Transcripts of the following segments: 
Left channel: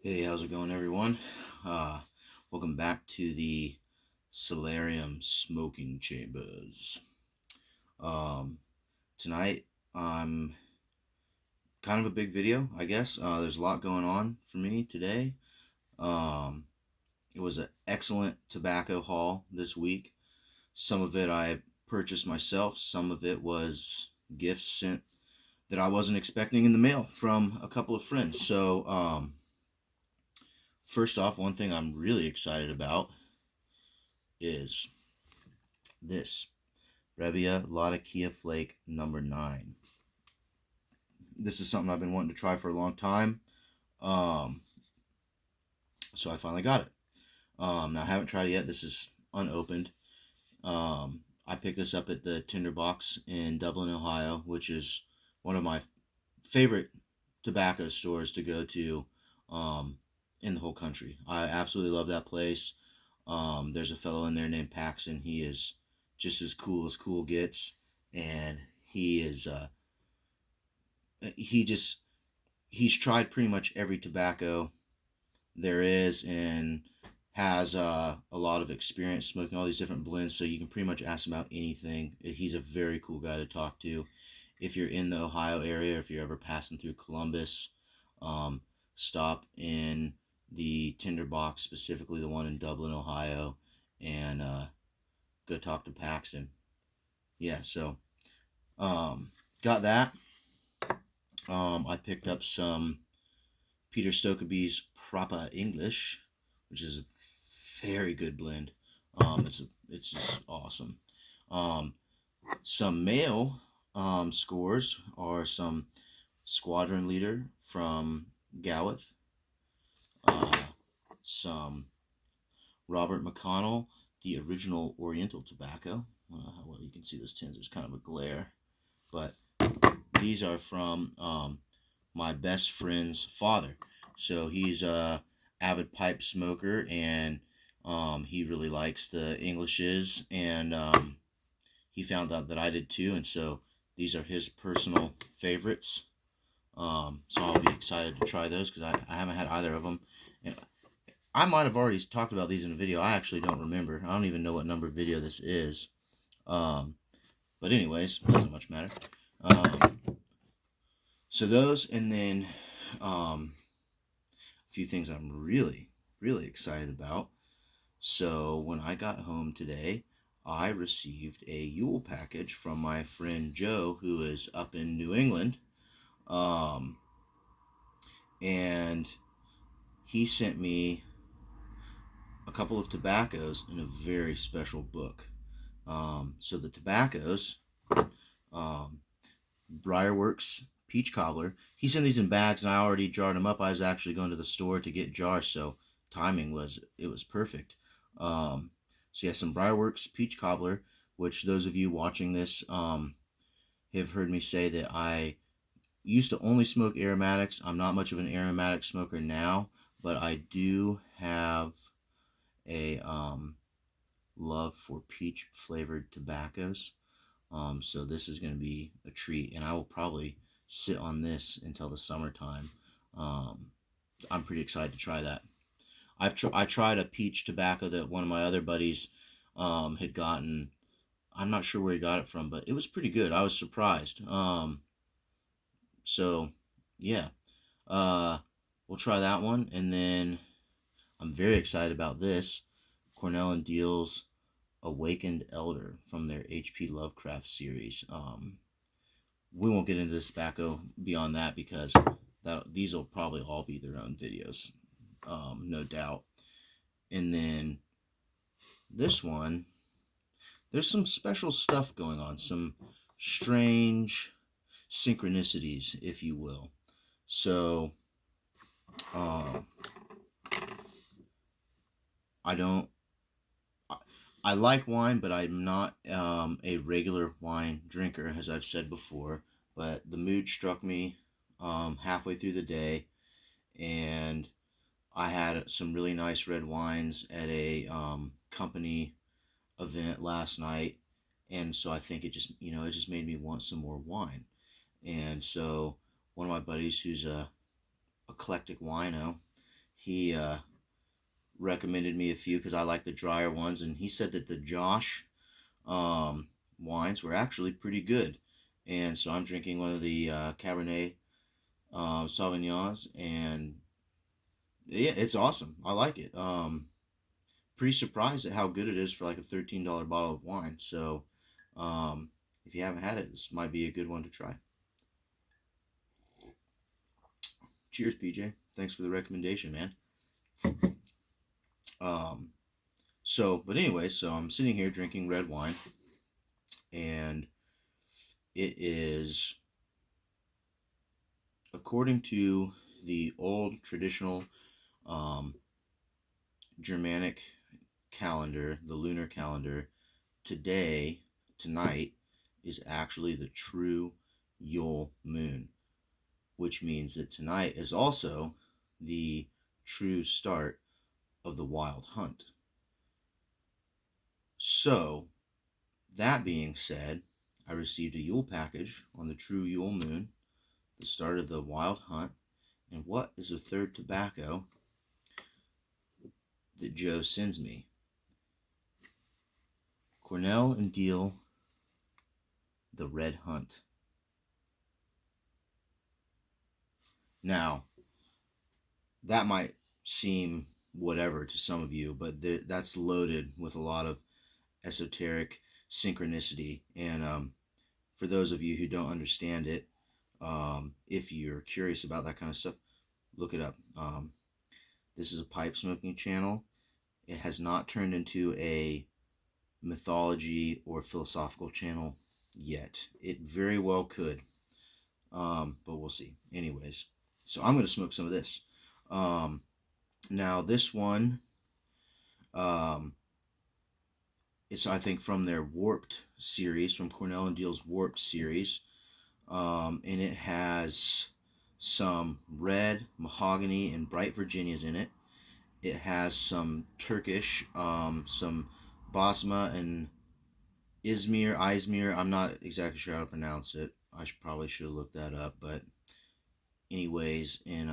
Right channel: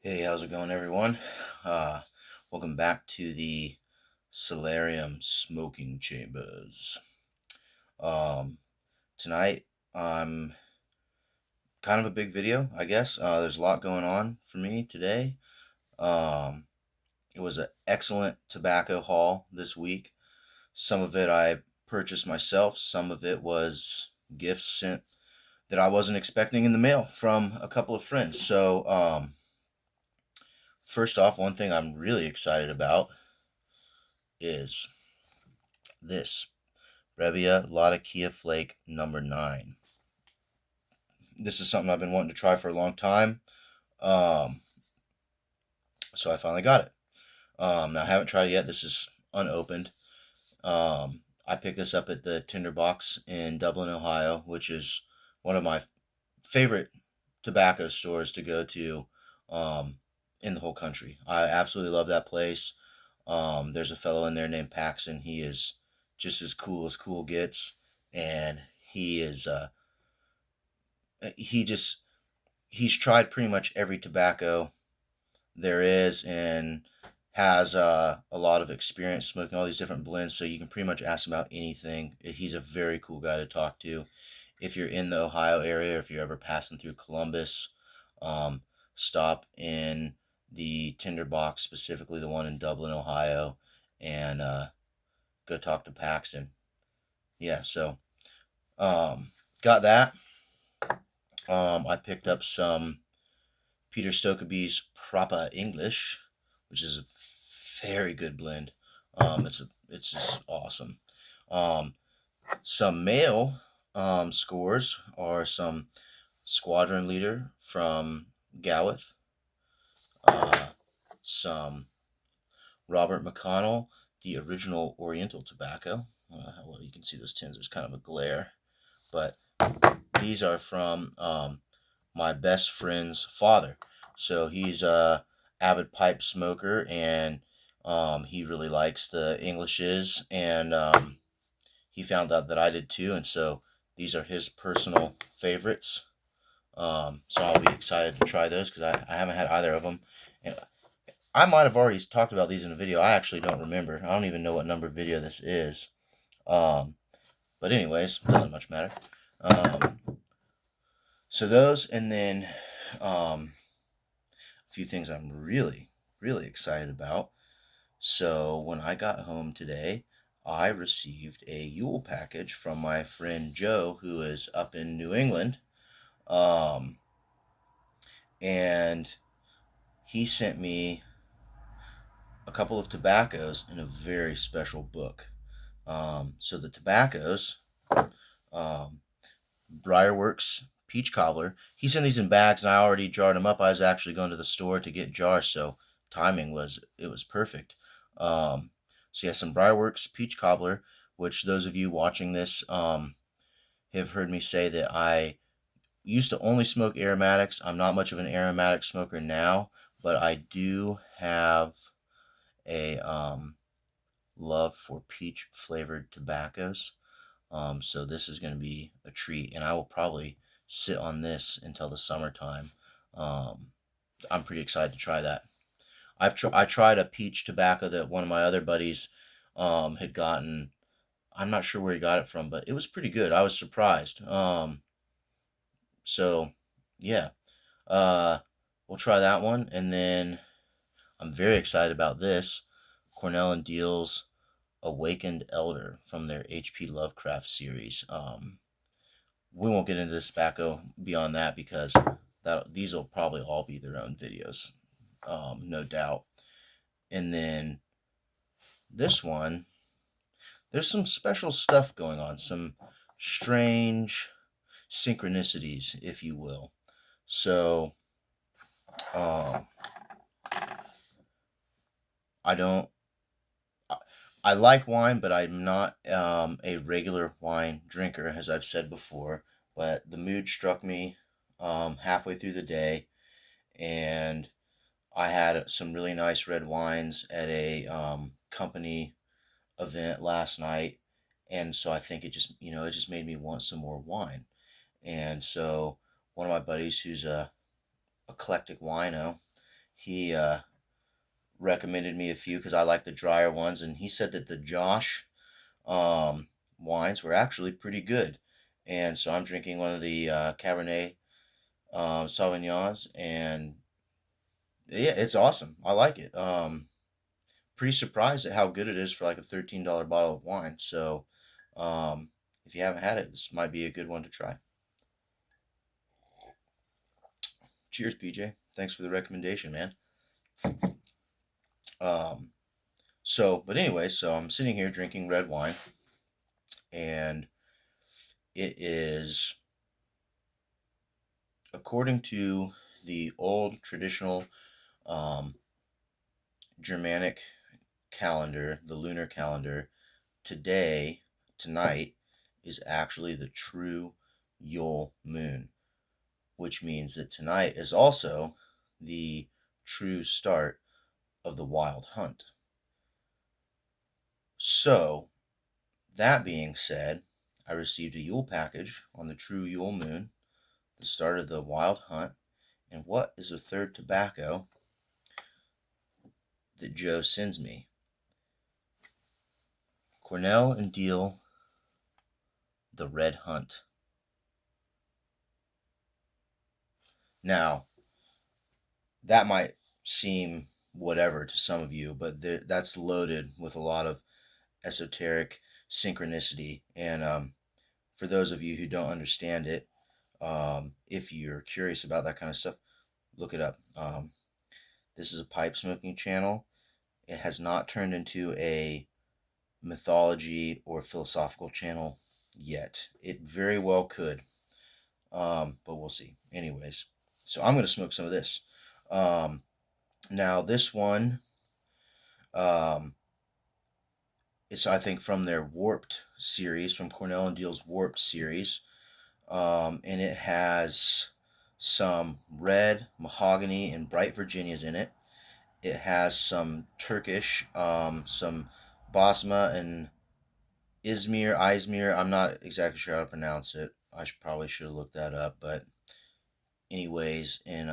Hey, how's it going, everyone? Uh, Welcome back to the Solarium Smoking Chambers. Um, Tonight, I'm kind of a big video, I guess. There's a lot going on for me today. Um, it was an excellent tobacco haul this week. Some of it I purchased myself, some of it was gifts sent that I wasn't expecting in the mail from a couple of friends. First off, one thing I'm really excited about is this Brevia Latakia Flake number 9. This is something I've been wanting to try for a long time. Um, so I finally got it. Now I haven't tried it yet. This is unopened. I picked this up at the Tinderbox in Dublin, Ohio, which is one of my favorite tobacco stores to go to in the whole country. I absolutely love that place. There's a fellow in there named Paxton. He is just as cool gets, and he just he's tried pretty much every tobacco there is and has a lot of experience smoking all these different blends, so you can pretty much ask him about anything. He's a very cool guy to talk to. If you're in the Ohio area, if you're ever passing through Columbus, um, stop in the Tinderbox, specifically the one in Dublin, Ohio, and go talk to Paxton. Yeah, so got that. I picked up some Peter Stokkebye's Proper English, which is a very good blend. It's just awesome. Um, some male scores are some Squadron Leader from Gowith, uh, some Robert McConnell, the original Oriental tobacco. Well, you can see those tins. There's kind of a glare, but these are from my best friend's father. So he's a avid pipe smoker, and he really likes the Englishes, and he found out that I did too, and so these are his personal favorites. So I'll be excited to try those because I haven't had either of them. And I might have already talked about these in a video. I actually don't remember. I don't even know what number video this is. Um, but anyways, doesn't much matter. Um, so those, and then a few things I'm really excited about. So when I got home today, I received a Yule package from my friend Joe, who is up in New England. Um, and he sent me a couple of tobaccos in a very special book. So the tobaccos, um, Briarworks Peach Cobbler. He sent these in bags, and I already jarred them up. I was actually going to the store to get jars, so timing was perfect. Um, so yeah, some Briarworks Peach Cobbler, which those of you watching this have heard me say that I used to only smoke aromatics. I'm not much of an aromatic smoker now, but I do have a love for peach flavored tobaccos. So this is going to be a treat, and I will probably sit on this until the summertime. Um, I'm pretty excited to try that. I tried a peach tobacco that one of my other buddies had gotten. I'm not sure where he got it from, but it was pretty good. I was surprised. So yeah, uh, we'll try that one, and then I'm very excited about this Cornell and Diehl's Awakened Elder from their H.P. Lovecraft series. We won't get into this tobacco beyond that because these will probably all be their own videos, no doubt. And then this one, there's some special stuff going on, some strange synchronicities, if you will. So, um, I don't. I like wine, but I'm not a regular wine drinker, as I've said before. But the mood struck me halfway through the day, and I had some really nice red wines at a company event last night, and so I think it just made me want some more wine. And so one of my buddies, who's a eclectic wino, He recommended me a few because I like the drier ones, and he said that the Josh um, wines were actually pretty good. And so I'm drinking one of the Cabernet Sauvignons, and yeah, it's awesome. I like it. Pretty surprised at how good it is for like a $13 bottle of wine. So, um, if you haven't had it, this might be a good one to try. Cheers, PJ. Thanks for the recommendation, man. Um, but anyway, so I'm sitting here drinking red wine, and it is, according to the old traditional um, Germanic calendar, the lunar calendar, tonight, is actually the true Yule moon, which means that tonight is also the true start of the wild hunt. So, that being said, I received a Yule package on the true Yule moon, the start of the wild hunt. And what is the third tobacco that Joe sends me? Cornell and Diehl, the Red Hunt. Now, that might seem whatever to some of you, but that's loaded with a lot of esoteric synchronicity. And for those of you who don't understand it, if you're curious about that kind of stuff, look it up. This is a pipe smoking channel. It has not turned into a mythology or philosophical channel yet. It very well could, but we'll see. Anyways, so I'm going to smoke some of this. Now, this one um, is, I think, from their Warped series, from Cornell and Diehl's Warped series. And it has some red mahogany and bright Virginias in it. It has some Turkish, some Basma and Izmir. I'm not exactly sure how to pronounce it. Probably should have looked that up. But anyways, in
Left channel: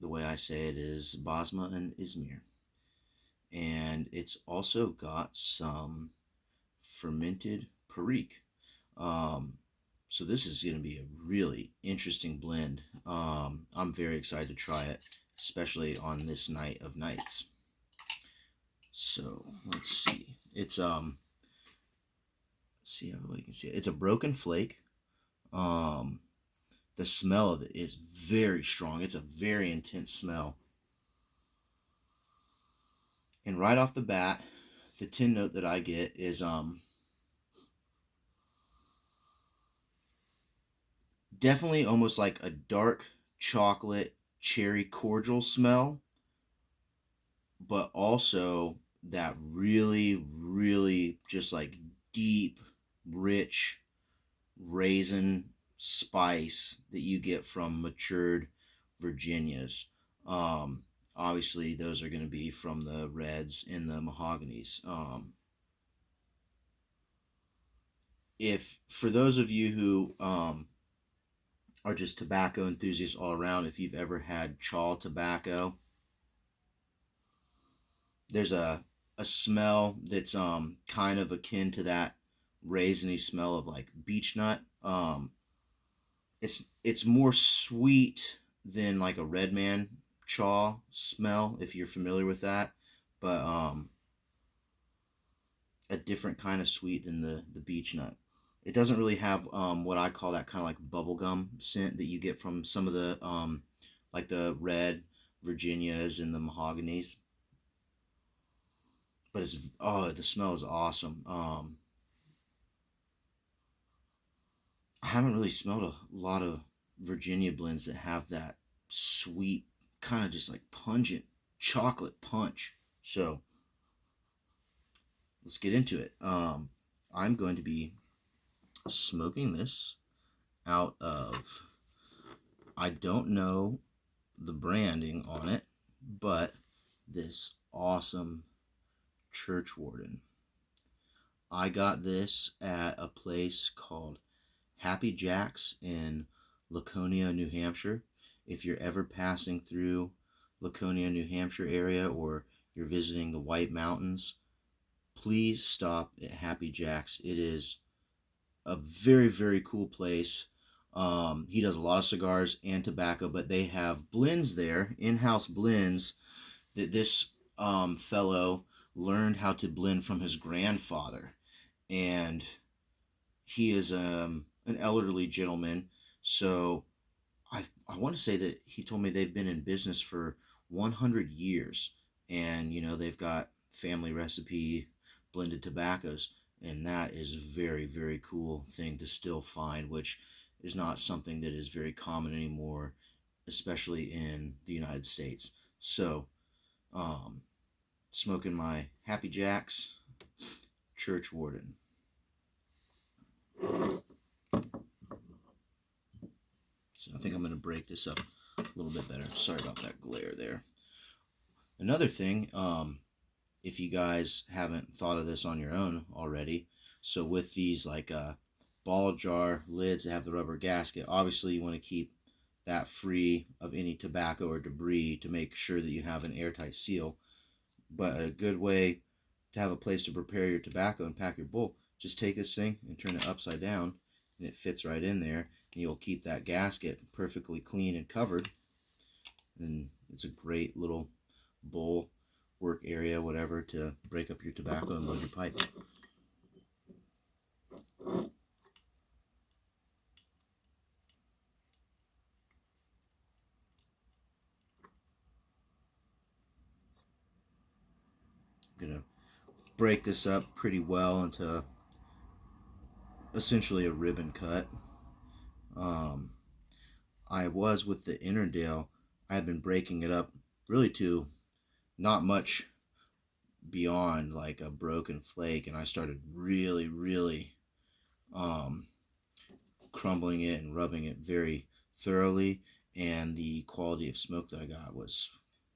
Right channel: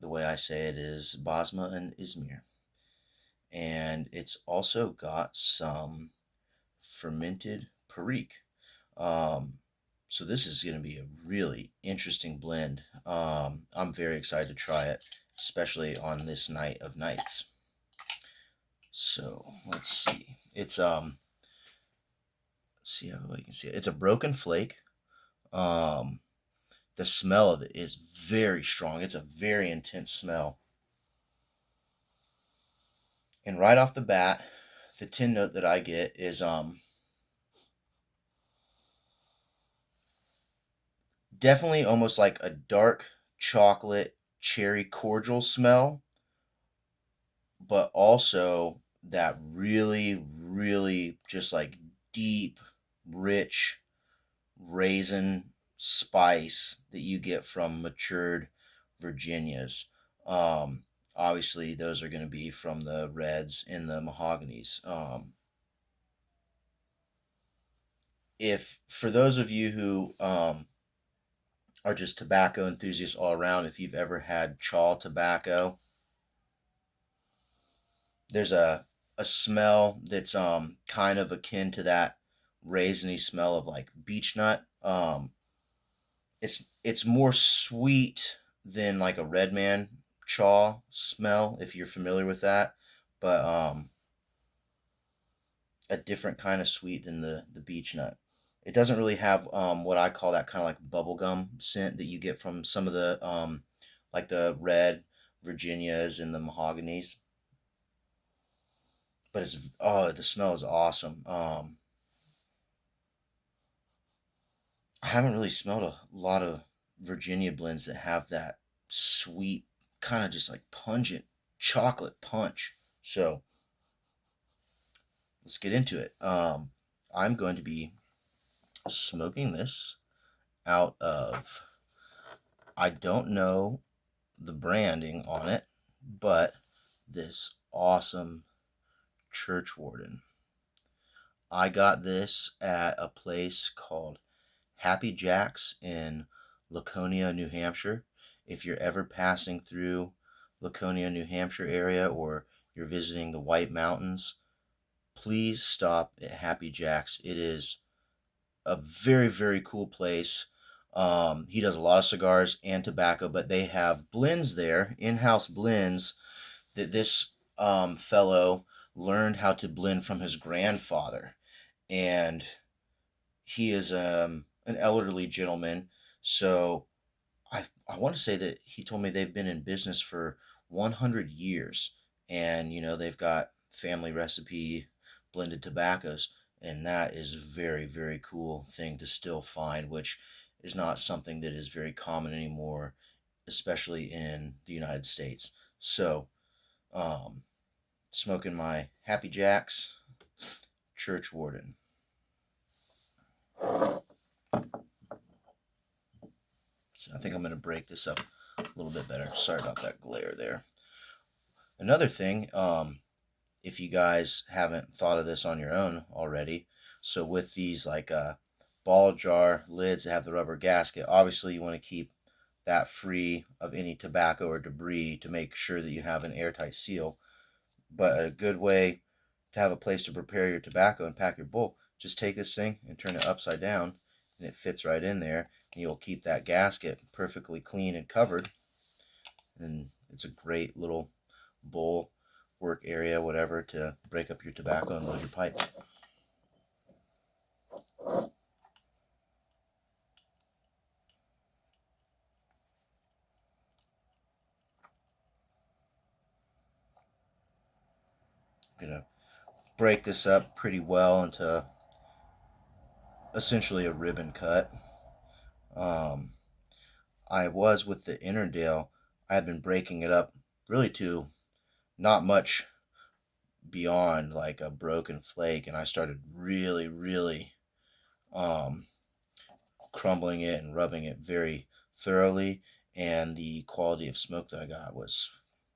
the way I say it is Basma and Izmir. And it's also got some fermented Perique. Um, so this is going to be a really interesting blend. I'm very excited to try it, especially on this night of nights. So let's see. Let's see how you can see it. It's a broken flake. Um, the smell of it is very strong. It's a very intense smell. And right off the bat, the tin note that I get is definitely almost like a dark chocolate cherry cordial smell, but also that really, really just like deep, rich raisin spice that you get from matured Virginias. Um, Obviously, those are going to be from the reds and the mahoganies. If for those of you who are just tobacco enthusiasts all around, if you've ever had chaw tobacco, there's a smell that's kind of akin to that raisiny smell of like beech nut. It's more sweet than like a red man chaw smell, if you're familiar with that, but a different kind of sweet than the beech nut. It doesn't really have what I call that kind of like bubblegum scent that you get from some of the like the red Virginias and the mahoganies. But it's the smell is awesome. I haven't really smelled a lot of Virginia blends that have that sweet, kind of just like pungent chocolate punch. So let's get into it. I'm going to be smoking this out of, I don't know the branding on it, but this awesome Church Warden. I got this at a place called Happy Jack's in Laconia, New Hampshire. if you're ever passing through Laconia, New Hampshire area, or you're visiting the White Mountains, please stop at Happy Jack's. It is a very, very cool place. He does a lot of cigars and tobacco, but they have blends there, in-house blends, that this fellow learned how to blend from his grandfather. And he is an elderly gentleman. So I want to say that he told me they've been in business for 100 years. And, they've got family recipe blended tobaccos. And that is a very, very cool thing to still find, which is not something that is very common anymore, especially in the United States. So, smoking my Happy Jacks Church Warden. So I think I'm going to break this up a little bit better. Sorry about that glare there. Another thing, if you guys haven't thought of this on your own already, so with these ball jar lids that have the rubber gasket, obviously you want to keep that free of any tobacco or debris to make sure that you have an airtight seal. But a good way to have a place to prepare your tobacco and pack your bowl, just take this thing and turn it upside down, and it fits right in there, and you'll keep that gasket perfectly clean and covered. And it's a great little bowl, work area, whatever, to break up your tobacco and load your pipe. I'm going to break this up pretty well into essentially a ribbon cut. I was with the Innerdale, I had been breaking it up really to not much beyond like a broken flake, and I started really, really crumbling it and rubbing it very thoroughly, and the quality of smoke that I got was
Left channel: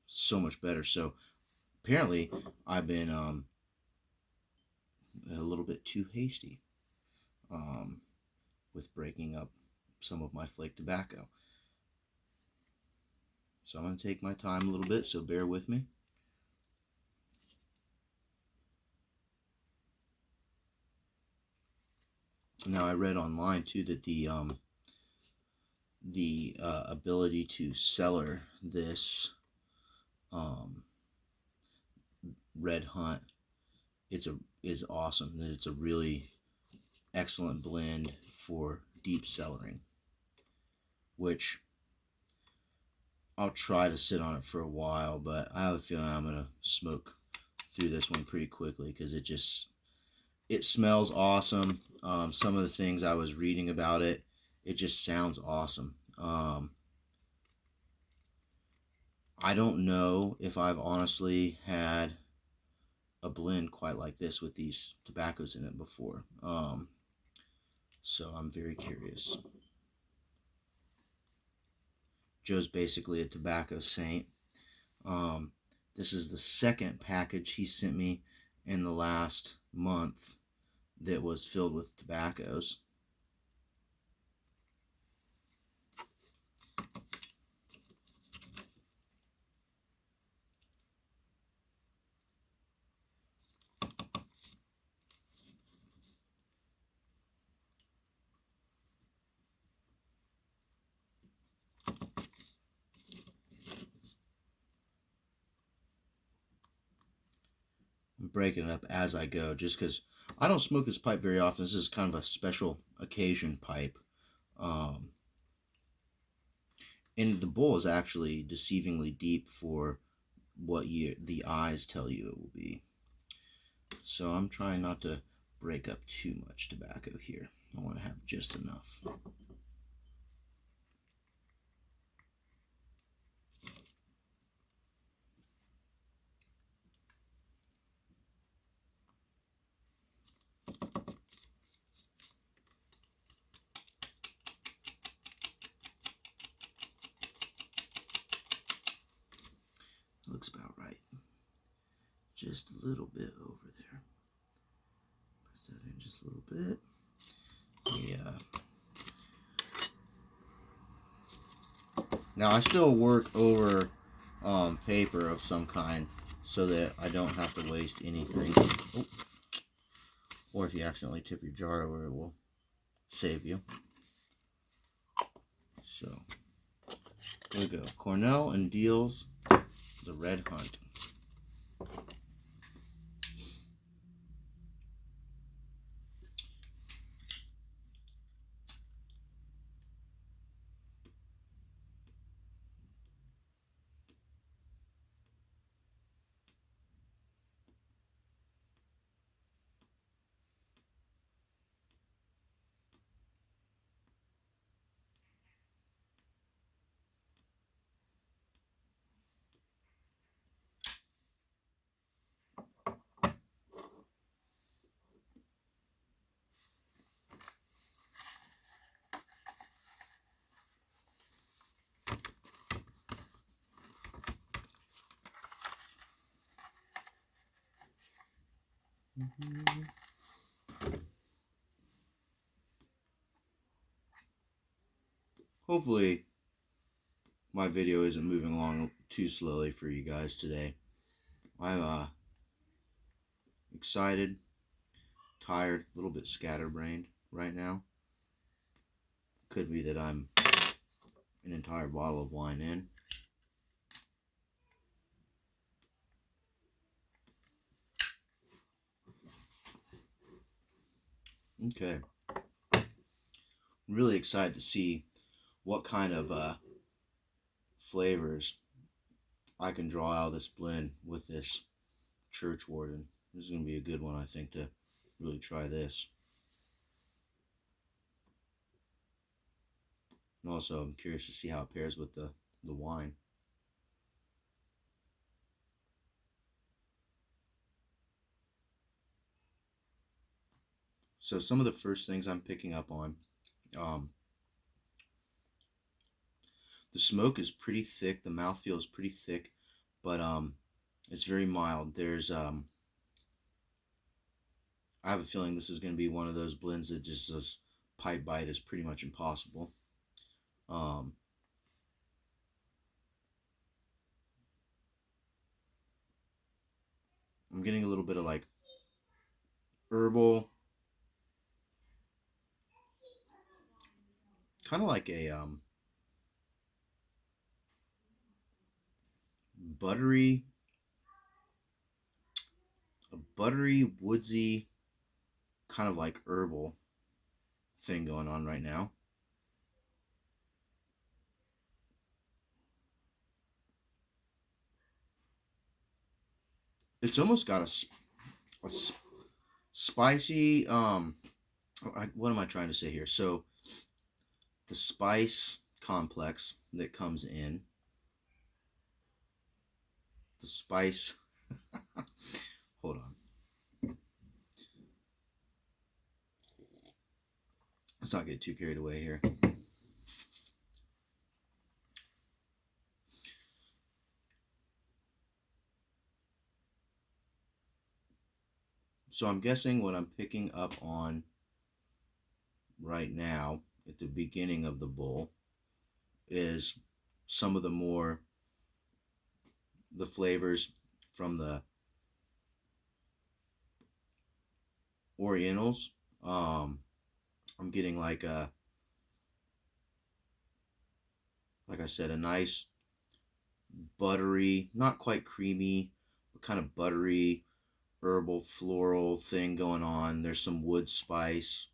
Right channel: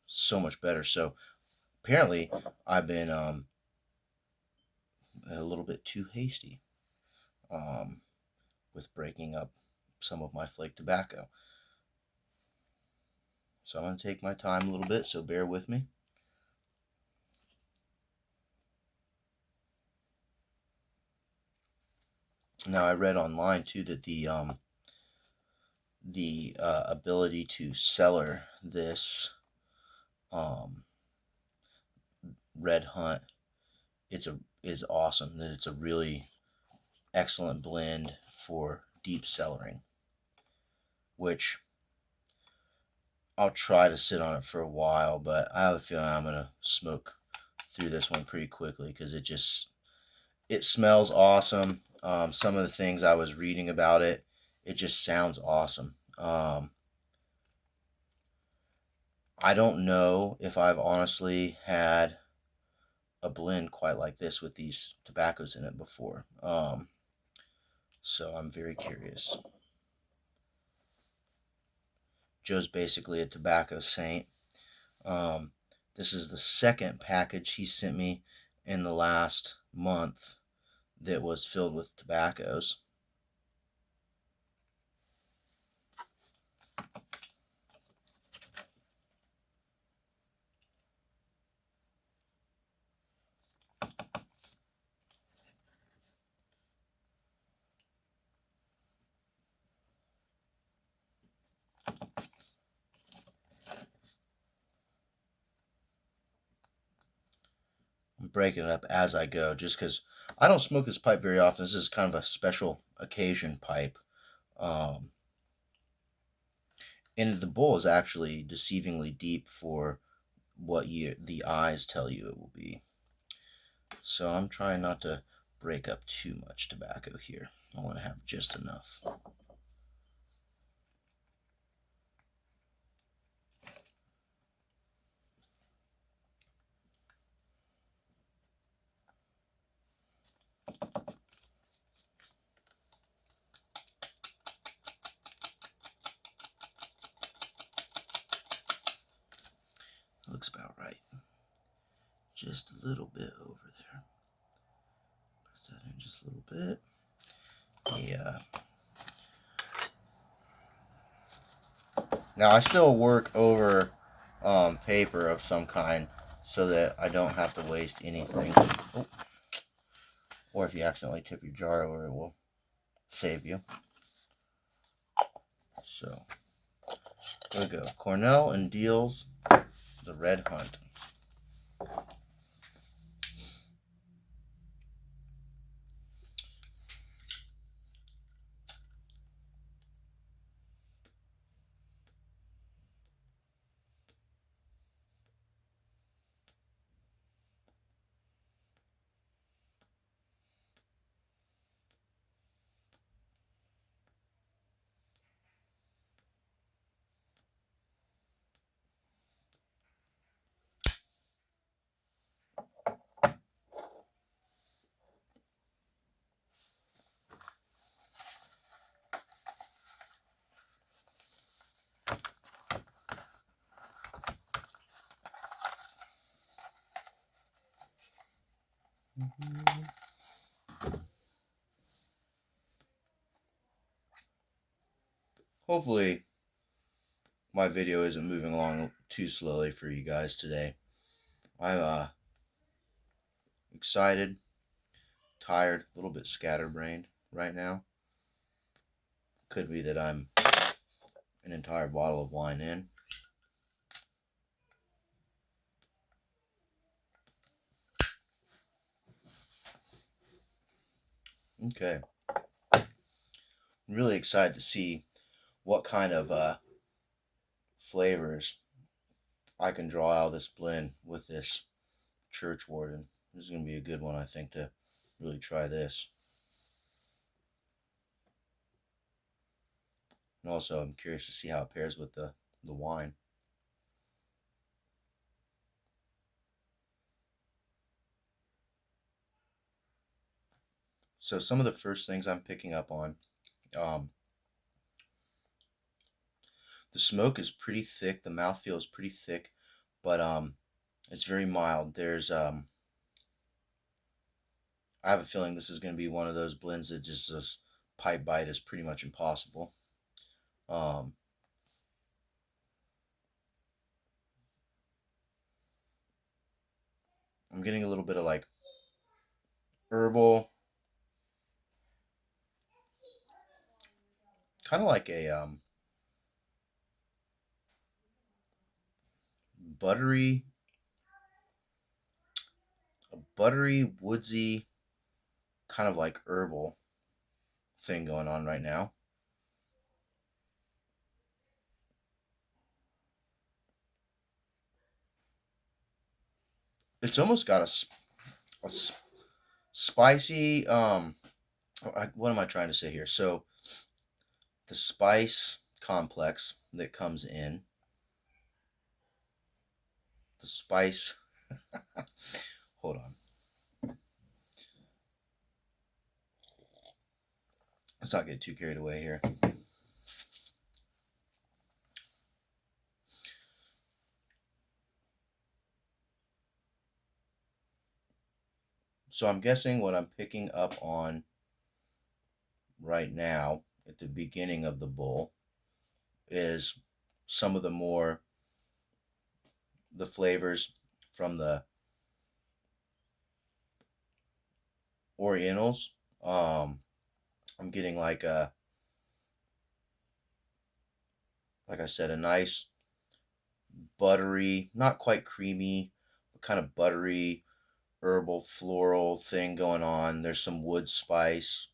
so much better. So apparently I've been a little bit too hasty with breaking up some of my flake tobacco. So I'm going to take my time a little bit, so bear with me. Now, I read online too that the ability to cellar this Red Hunt is awesome. That it's a really excellent blend for deep cellaring, which I'll try to sit on it for a while, but I have a feeling I'm gonna smoke through this one pretty quickly because it smells awesome. Some of the things I was reading about it, it just sounds awesome. I don't know if I've honestly had a blend quite like this with these tobaccos in it before. So I'm very curious. Joe's basically a tobacco saint. This is the second package he sent me in the last month that was filled with tobaccos. I'm breaking it up as I go just because I don't smoke this pipe very often. This is kind of a special occasion pipe. And the bowl is actually deceivingly deep for what the eyes tell you it will be. So I'm trying not to break up too much tobacco here. I want to have just enough. Looks about right. Just a little bit over there. Press that in just a little bit. Yeah. Now I still work over paper of some kind so that I don't have to waste anything. Oh, or if you accidentally tip your jar over, it will save you. So here we go. Cornell and Diehl's The Red Hunt. Hopefully my video isn't moving along too slowly for you guys today. I'm excited, tired, a little bit scatterbrained right now. Could be that I'm an entire bottle of wine in. Okay. I'm really excited to see what kind of flavors I can draw out of this blend with this Churchwarden. This is going to be a good one, I think, to really try this. And also, I'm curious to see how it pairs with the wine. So some of the first things I'm picking up on, um, the smoke is pretty thick. The mouthfeel is pretty thick, but it's very mild. I have a feeling this is going to be one of those blends that just this pipe bite is pretty much impossible. Um, I'm getting a little bit of like herbal, kind of like buttery, a buttery, woodsy, kind of like herbal thing going on right now. It's almost got a spicy. What am I trying to say here? So the spice complex that comes in, the spice. Hold on. Let's not get too carried away here. So I'm guessing what I'm picking up on right now at the beginning of the bowl is some of the flavors from the Orientals. I'm getting like I said, a nice buttery, not quite creamy, but kind of buttery, herbal, floral thing going on. There's some wood spice.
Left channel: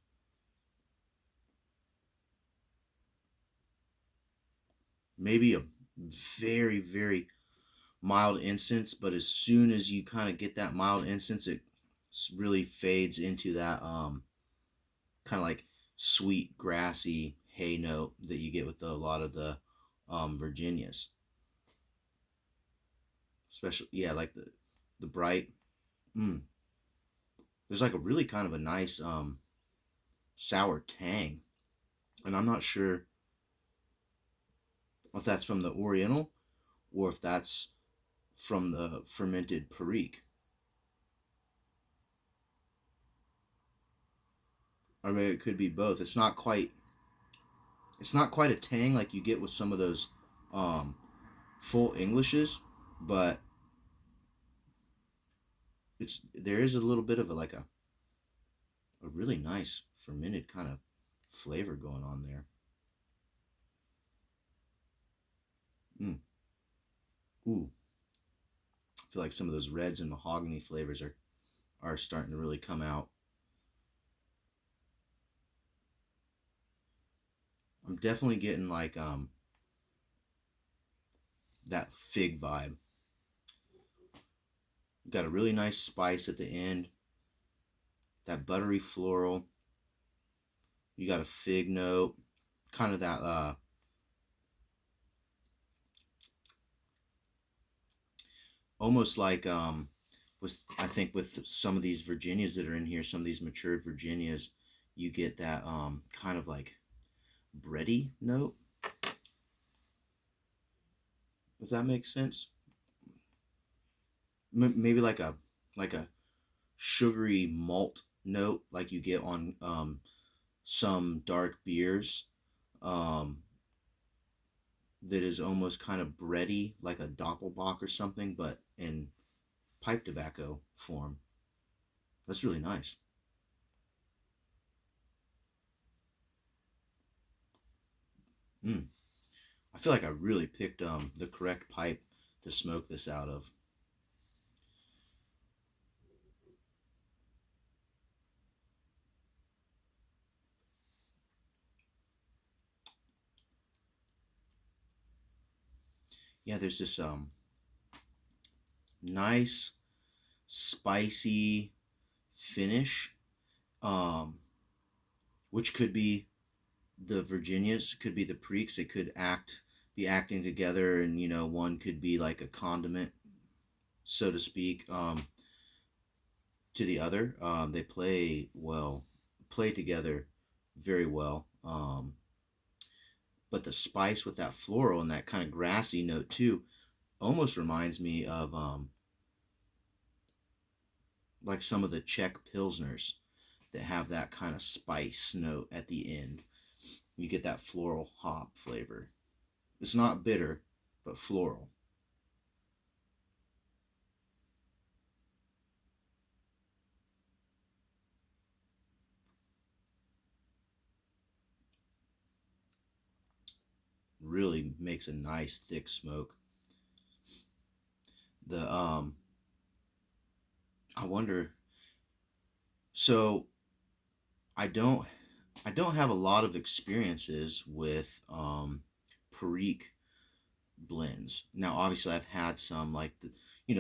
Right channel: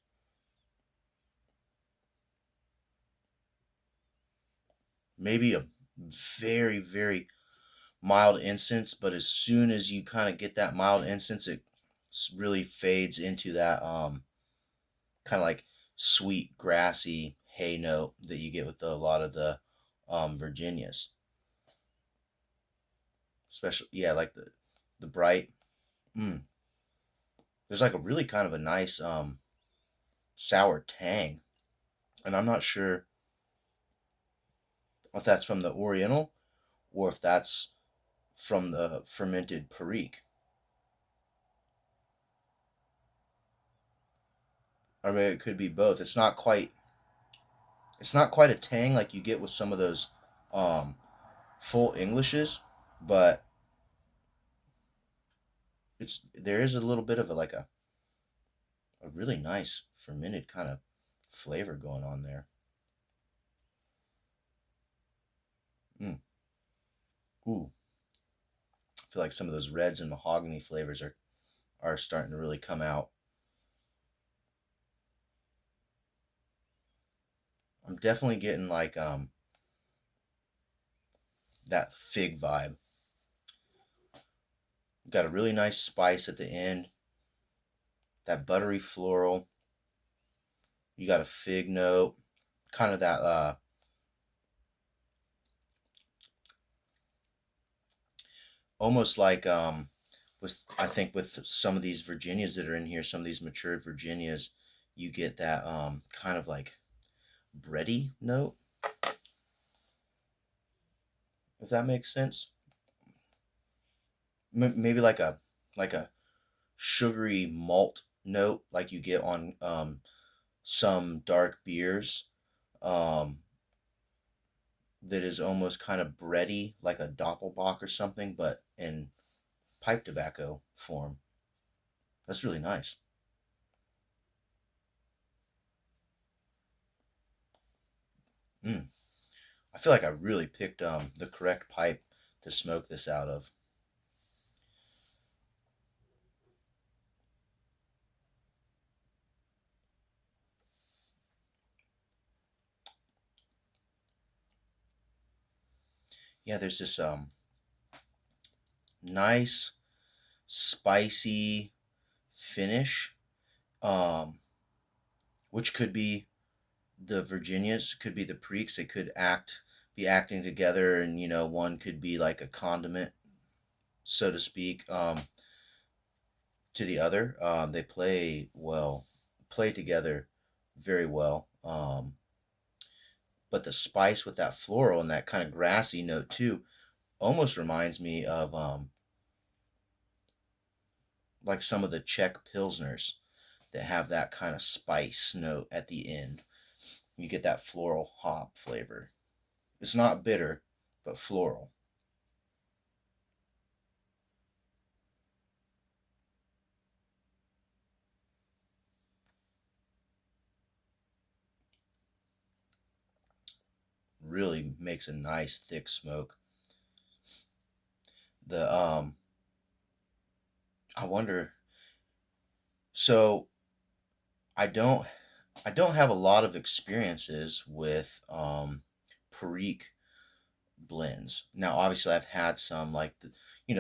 Maybe a very, very mild incense, but as soon as you kind of get that mild incense, it really fades into that kind of like sweet, grassy hay note that you get with a lot of the Virginias. Especially, yeah, like the bright. Mm, there's like a really kind of a nice sour tang, and I'm not sure if that's from the Oriental or if that's from the fermented Perique. I mean, it could be both. It's not quite a tang like you get with some of those um, full Englishes, but there is a little bit of a really nice fermented kind of flavor going on there. Mm. Ooh, I feel like some of those reds and mahogany flavors are starting to really come out. I'm definitely getting that fig vibe. Got a really nice spice at the end. That buttery floral. You got a fig note. Kind of that almost like with I think with some of these Virginias that are in here, some of these matured Virginias, you get that kind of like bready note, if that makes sense. Maybe like a sugary malt note like you get on some dark beers, um, that is almost kind of bready, like a Doppelbock or something, but in pipe tobacco form. That's really nice. Mm. I feel like I really picked the correct pipe to smoke this out of. Yeah, there's this nice spicy finish, um, which could be the Virginias, could be the Preeks. They could be acting together, and one could be like a condiment, so to speak, to the other. They play together very well. But the spice with that floral and that kind of grassy note too almost reminds me of like some of the Czech pilsners that have that kind of spice note at the end. You get that floral hop flavor. It's not bitter, but floral. Really makes a nice thick smoke. The I wonder. So I don't I don't have a lot of experiences with Perique blends. Now, obviously, I've had some like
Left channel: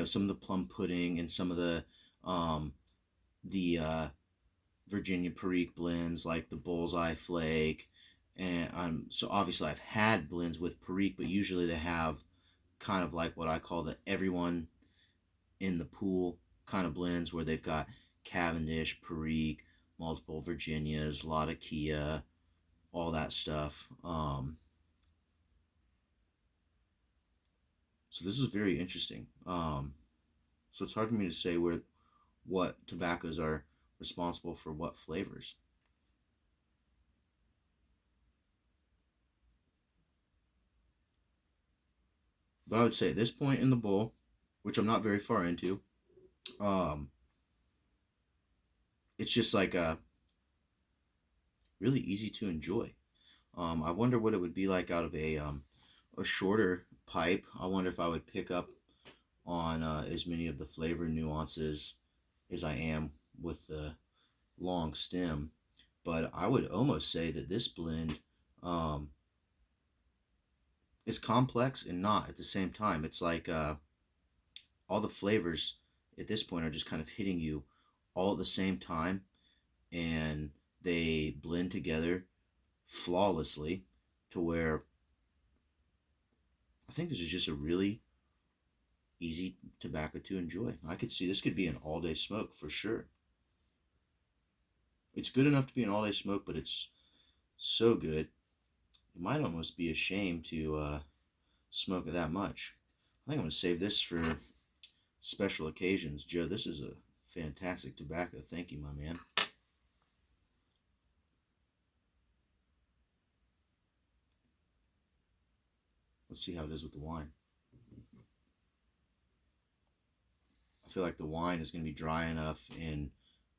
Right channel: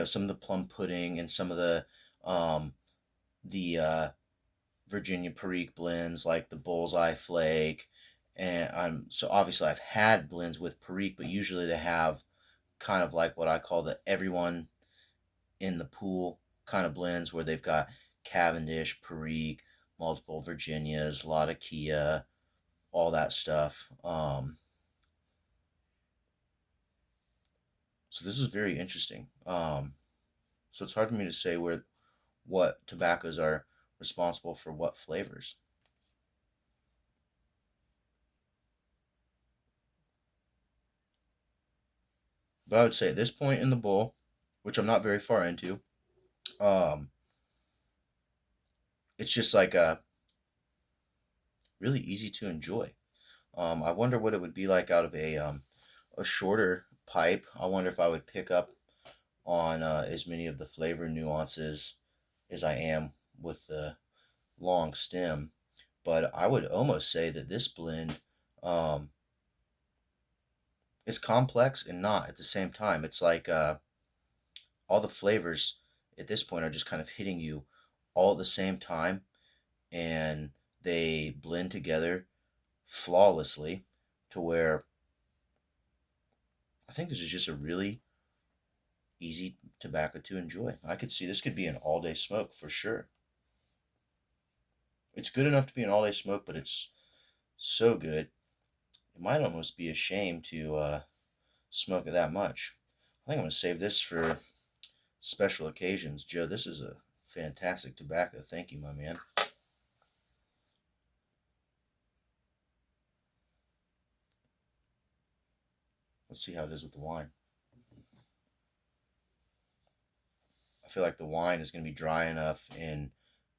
some of the plum pudding and some of um, the Virginia Perique blends, like the Bullseye Flake, and so obviously I've had blends with Perique, but usually they have kind of like what I call the everyone in the pool kind of blends, where they've got Cavendish, Perique, multiple Virginias, a lot of Kia, all that stuff. So this is very interesting. So it's hard for me to say what tobaccos are responsible for what flavors. But I would say at this point in the bowl, which I'm not very far into, um, it's just like really easy to enjoy. I wonder what it would be like out of a shorter pipe. I wonder if I would pick up on as many of the flavor nuances as I am with the long stem. But I would almost say that this blend um, is complex and not at the same time. It's like all the flavors at this point are just kind of hitting you all at the same time, and they blend together flawlessly to where I think this is just a really easy tobacco to enjoy. I could see this could be an all day smoke for sure. It's good enough to be an all day smoke, but it's so good. It might almost be a shame to smoke it that much. I think I'm going to save this for special occasions. Joe, this is a fantastic tobacco. Thank you, my man. Let's see how it is with the wine. I feel like the wine is going to be dry enough and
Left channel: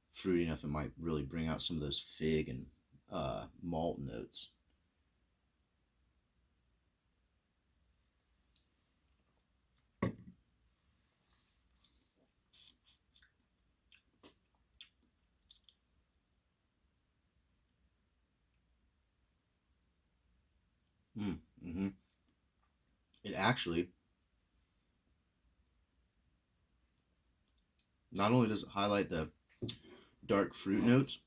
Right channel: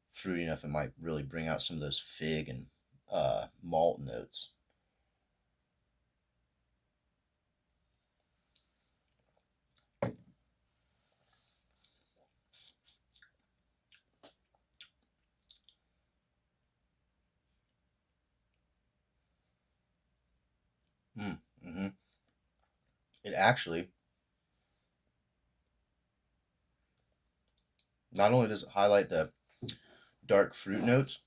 fruity enough, it might really bring out some of those fig and malt notes. Mm-hmm. It actually, not only does it highlight the dark fruit notes,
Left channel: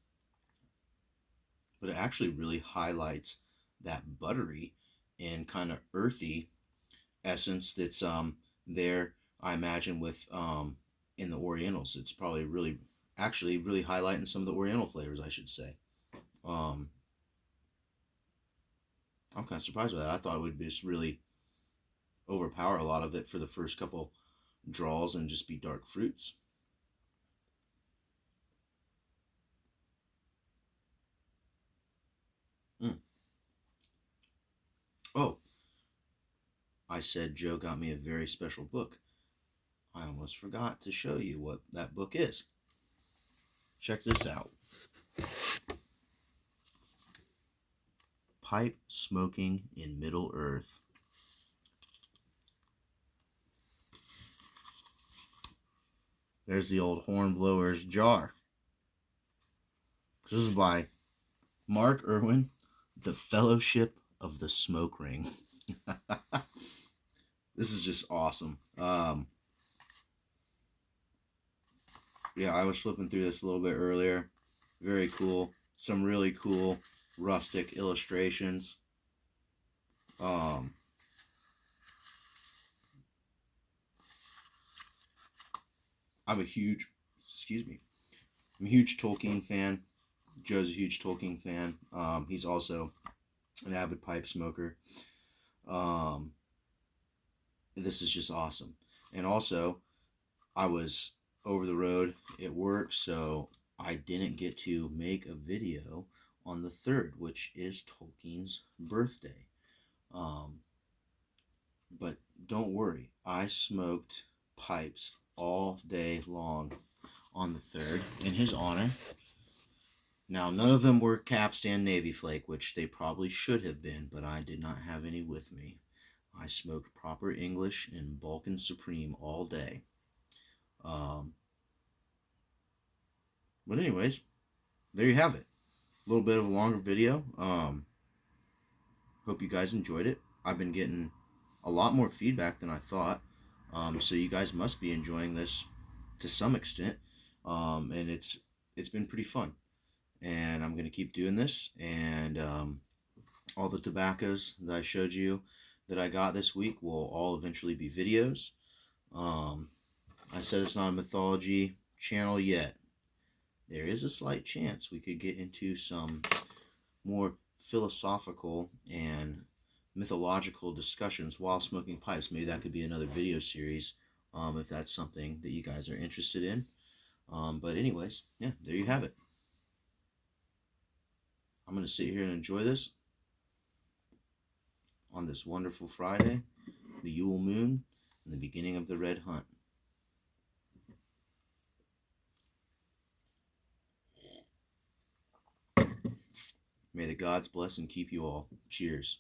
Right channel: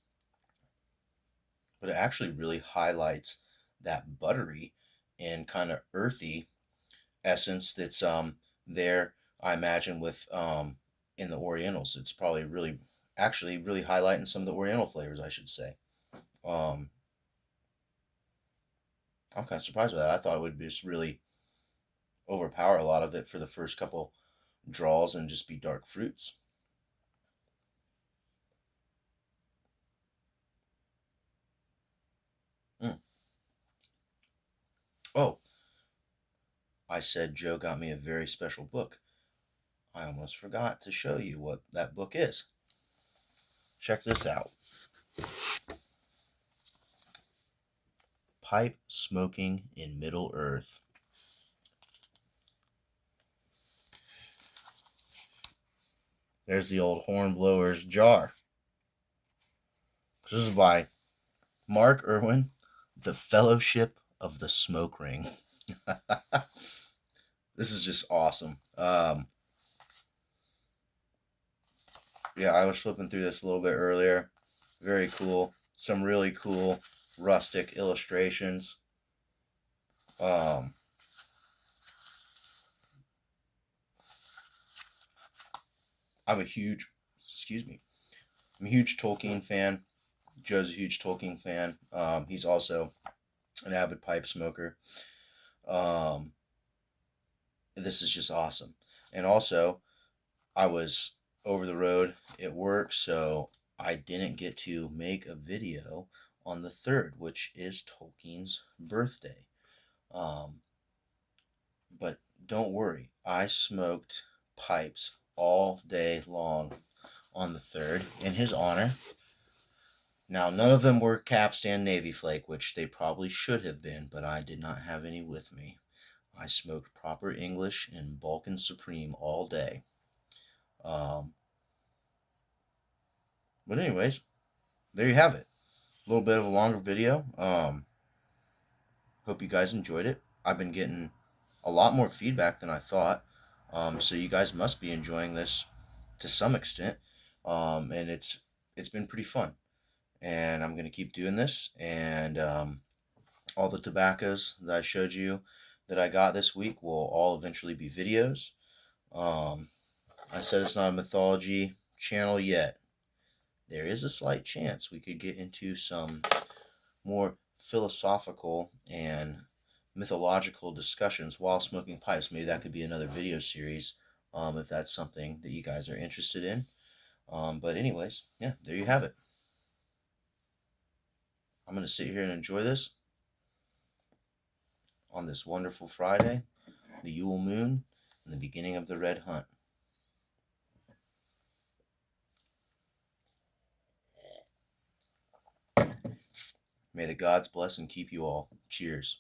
but it actually really highlights that buttery and kind of earthy essence that's there. I imagine with in the Orientals, it's probably really actually really highlighting some of the Oriental flavors, I should say. Um, I'm kind of surprised by that. I thought it would just really overpower a lot of it for the first couple draws and just be dark fruits. Mm. Oh, I said Joe got me a very special book. I almost forgot to show you what that book is. Check this out. Pipe Smoking in Middle Earth. There's the old hornblower's jar. This is by Mark Irwin, The Fellowship of the Smoke Ring. This is just awesome. Yeah, I was flipping through this a little bit earlier. Very cool. Some really cool rustic illustrations. Um, I'm a huge, excuse me, I'm a huge Tolkien fan. Joe's a huge Tolkien fan. He's also an avid pipe smoker. Um, this is just awesome. And also, I was over the road at work, so I didn't get to make a video on the 3rd, which is Tolkien's birthday. Um, but don't worry, I smoked pipes all day long on the 3rd in his honor. Now, none of them were Capstan Navy Flake, which they probably should have been, but I did not have any with me. I smoked proper English and Balkan Supreme all day. Um, but anyways, there you have it. A little bit of a longer video. Hope you guys enjoyed it. I've been getting a lot more feedback than I thought. So you guys must be enjoying this to some extent. And it's been pretty fun. And I'm gonna keep doing this. And all the tobaccos that I showed you that I got this week will all eventually be videos. Um, I said it's not a mythology channel yet. There is a slight chance we could get into some more philosophical and mythological discussions while smoking pipes. Maybe that could be another video series if that's something that you guys are interested in. But anyways, yeah, there you have it. I'm going to sit here and enjoy this on this wonderful Friday, the Yule moon, and the beginning of the red hunt. May the gods bless and keep you all. Cheers.